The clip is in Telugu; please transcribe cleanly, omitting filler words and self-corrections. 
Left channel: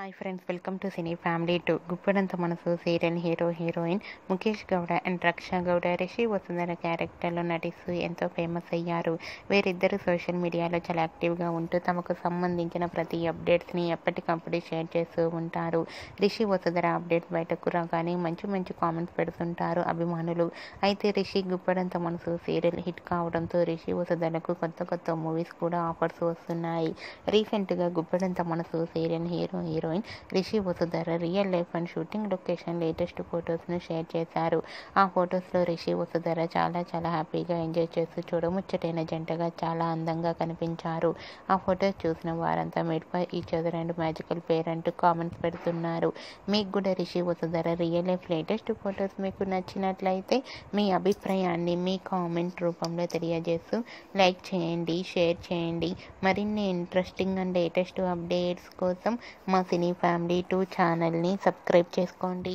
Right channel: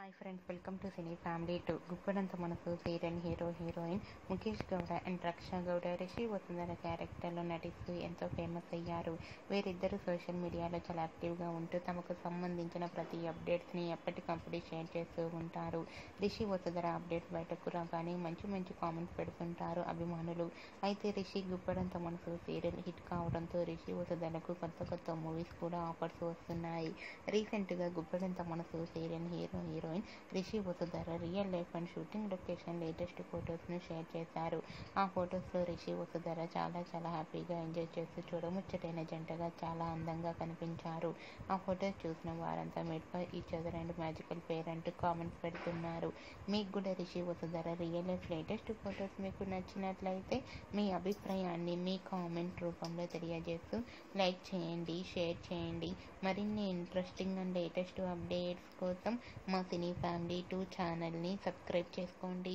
Hi friends, welcome to cine family 2. గుప్పడంత మనసు serial heroine Mukesh Gowda and Raksha Gowda Rishi Vasundhara క్యారెక్టర్లో నటిస్తూ ఎంతో ఫేమస్ అయ్యారు. వీరిద్దరూ సోషల్ మీడియాలో చాలా యాక్టివ్గా ఉంటూ తమకు సంబంధించిన ప్రతి అప్డేట్స్ని ఎప్పటికప్పుడు షేర్ చేస్తూ ఉంటారు. రిషి వసుంధర అప్డేట్స్ బయటకు రాగానే మంచి కామెంట్స్ పెడుతుంటారు అభిమానులు. అయితే రిషి గుప్పడంత మనసు సీరియల్ హిట్ కావడంతో రిషి వసుంధరకు కొత్త మూవీస్ కూడా ఆఫర్స్ వస్తున్నాయి. రీసెంట్గా గుప్పడంత మనసు serial heroine Rishi Vasundhara real life and shooting location latest ఫొటోస్ను షేర్ చేశారు. ఆ ఫొటోస్లో రిషి వసుంధర చాలా హ్యాపీగా ఎంజాయ్ చేస్తూ చూడముచ్చటైన జంటగా చాలా అందంగా కనిపించారు. ఆ ఫొటోస్ చూసిన వారంతా made for each other and magical pair అంటూ కామెంట్స్ పెడుతున్నారు. మీకు కూడా Rishi Vasundhara real life latest photos మీకు నచ్చినట్లయితే మీ అభిప్రాయాన్ని మీ కామెంట్ రూపంలో తెలియజేస్తూ లైక్ చేయండి, షేర్ చేయండి. మరిన్ని ఇంట్రెస్టింగ్ అండ్ లేటెస్ట్ అప్డేట్స్ కోసం మా సినీ ఫ్యామిలీ 2 ఛానల్ని సబ్స్క్రైబ్ చేసుకోండి.